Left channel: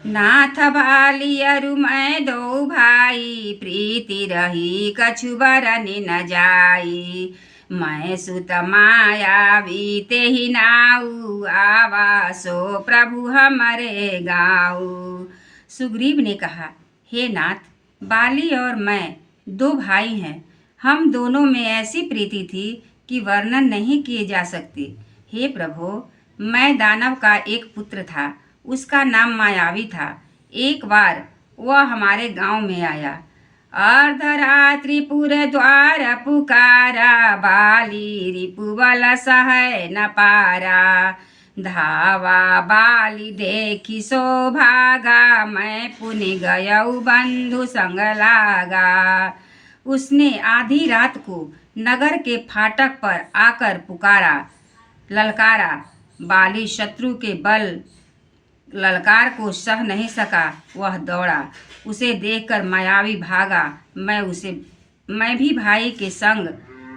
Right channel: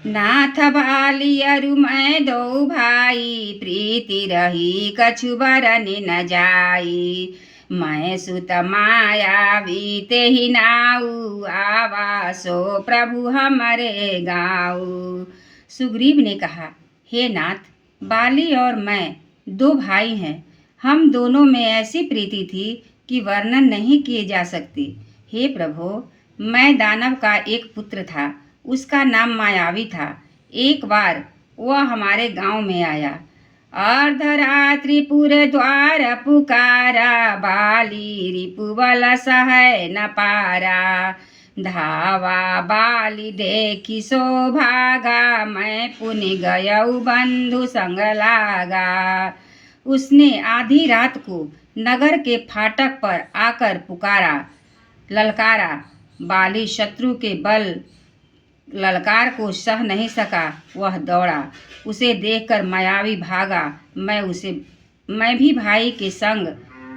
नाथ बाली अरु मैं दो भाई, प्रीति रही कछु बरनि न जाई। मैं सुत मायावी तेहि नाऊ, आवासो प्रभु हमरे गाऊ। सुग्रीव ने कहा, हे नाथ, बाली और मैं दो भाई हैं। हम दोनों में ऐसी प्रीति थी कि वर्णन नहीं किए जा सकती। हे प्रभु, मैं दानव का एक पुत्र था, उसका नाम मायावी था। एक बार वह हमारे गांव में आया। अर्धरात्रि पूरे द्वार पुकारा, बाली रिपुबल सहै न पारा। धावा बाली देखी सो भागा, मैं पुनि गयऊ बंधु संग लागा। उसने आधी रात को नगर के फाटक पर आकर पुकारा, ललकारा। बाली शत्रु के बल ललकार को सह नहीं सका, वह दौड़ा। उसे देखकर मायावी भागा। मैं भी भाई के संग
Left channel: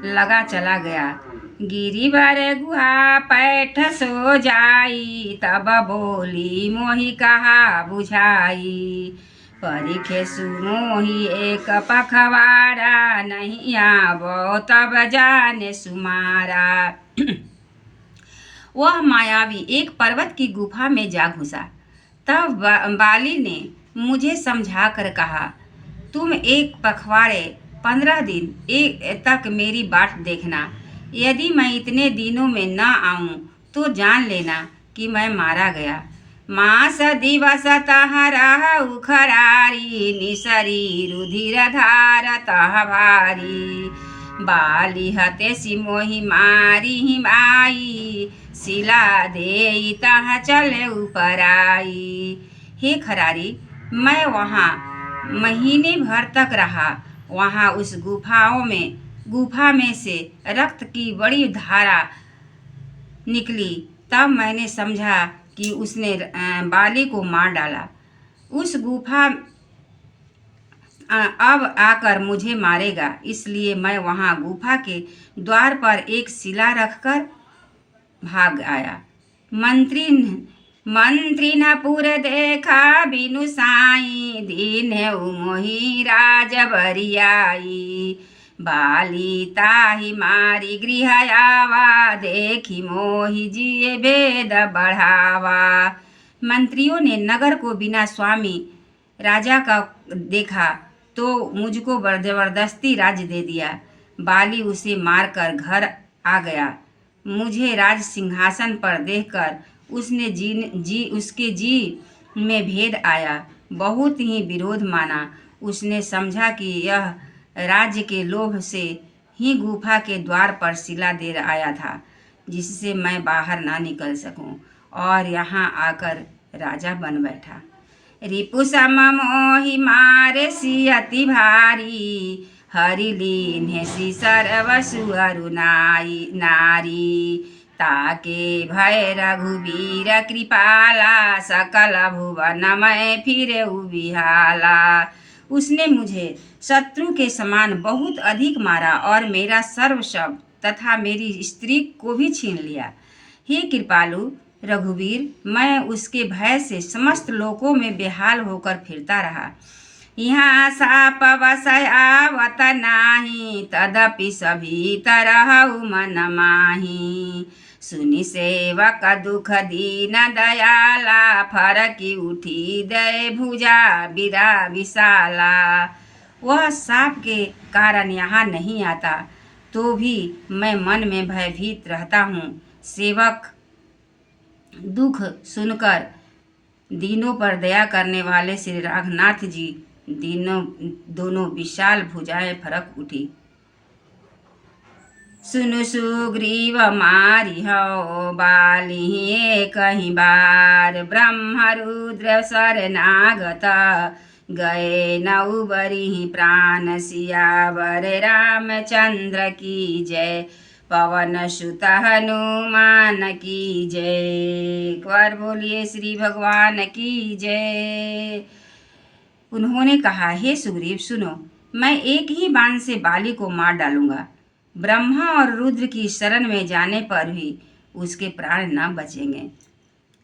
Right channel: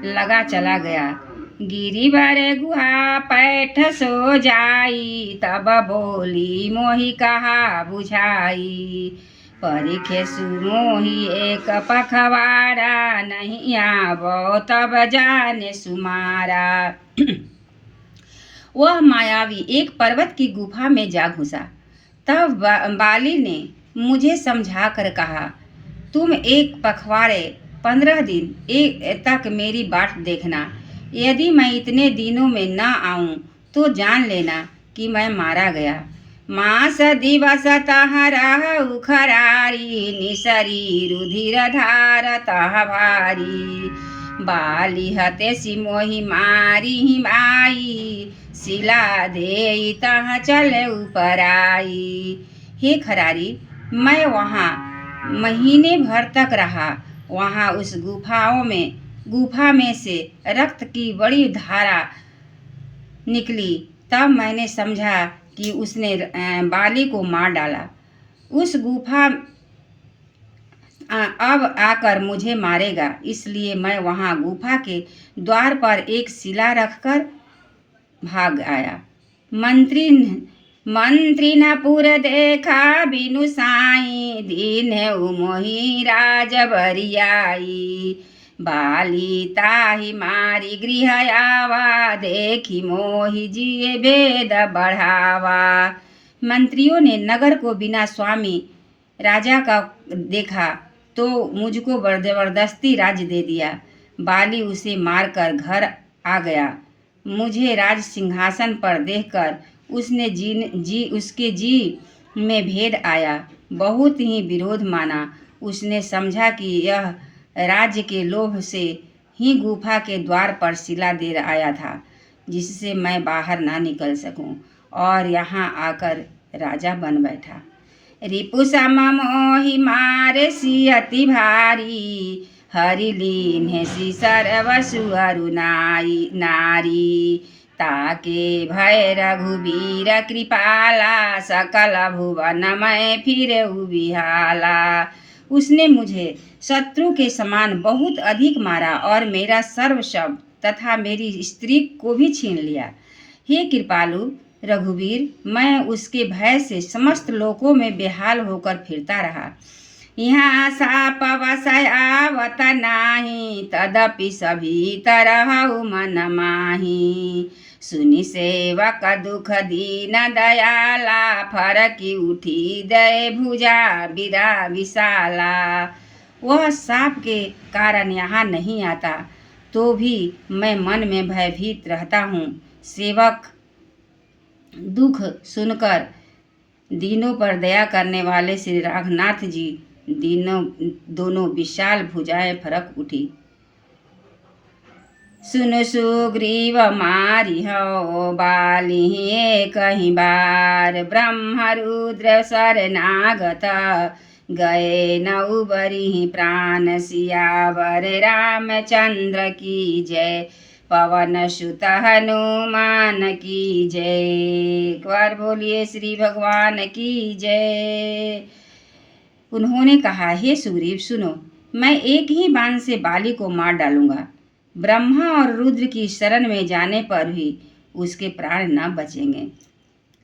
लगा चला गया। गिरिवर गुहा पैठ सो जाई, तब बोली मोहि कहा बुझाई। परिखे सुमोहि एक पखवाड़ा, नहीं आवो तब जाने सुमारा। वह मायावी एक पर्वत की गुफा में जा घुसा। तब बाली ने मुझे समझा कर कहा, तुम एक पखवाड़े 15 दिन तक मेरी बाट देखना। यदि मैं इतने दिनों में न आऊं तो जान लेना कि मैं मारा गया। मास दिवस तह रहु खरारी, निसरी रुधिर धार तह भारी। बाली हते सिमोहि मारी माई, सिला दे तह चले ऊपर आई। हे खरारी, मैं वहाँ महीने भर तक रहा। वहाँ उस गुफा में से रक्त की बड़ी धारा निकली। तब मैंने समझा कि उसने बाली को मार डाला। उस गुफा अब आकर मुझे मारेगा, इसलिए मैं वहाँ गुफा के द्वार पर एक शिला रखकर भाग आया। मंत्री न पुर देखा बिनु साई, दीन मोहि राज बरियाई। बाली ताहि मारी गृह आवा, देखी मोहि जिए वेद बढ़ावा। मंत्रियों ने नगर को बिना स्वामी राजा का देखा तो मुझको जबरदस्ती राज्य दे दिया। बाली उसे मारकर घर आ गया। मुझे राज सिंहासन पर देखकर उसके जी में भेद आया। बहुत ही विरोध माना। उसने समझा कि यह राज्य के लोभ से ही गुफा के द्वार पर शिला दे आया था, जिससे मैं बाहर ना निकल सकूं, और यहाँ आकर राजा बन बैठा। रिपु सम मोहि मारे सी अति भारी, हरि लीन्हे सी सर्वसु अरु नारी। ताके भय रघुबीर कृपाला, सकल भुवन मैं फिरे बिहाला। उसने मुझे शत्रु के समान बहुत अधिक मारा और मेरा सर्व शब्द तथा मेरी स्त्री को भी छीन लिया। हे कृपालु रघुवीर, मैं उसके भय से समस्त लोकों में बेहाल होकर फिरता रहा। यहाँ साप वसय आवत नाही, तदपि सभी तरह मन माही। सुनि सेवक दुख दीन दयाला, फरकी उठी दय भुजा बिरा विशाला। वह साप के कारण यहाँ नहीं आता, तो भी मैं मन में भयभीत रहता हूँ। सेवक दुख सुनकर दीनों पर दया करने वाले श्री रघुनाथ जी दोनों विशाल भुजाएं फरक उठी। सुनो सुग्रीव मारी हो बाली कहीं बार, ब्रह्म रुद्र शरणागत गए नौ बरी प्राण। सियावर रामचंद्र की जय, पवन सुत हनुमान की जय। एक बार बोलिए श्री भगवान की जय। उन्होंने कहा, हे सुग्रीव सुनो, मैं एक ही बाण से बाली को मार डालूंगा। ब्रह्मा और रुद्र की शरण में जाने पर भी उसके प्राण न बचेंगे।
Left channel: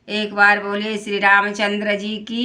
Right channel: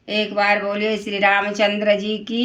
एक बार बोलिए श्री रामचंद्र जी की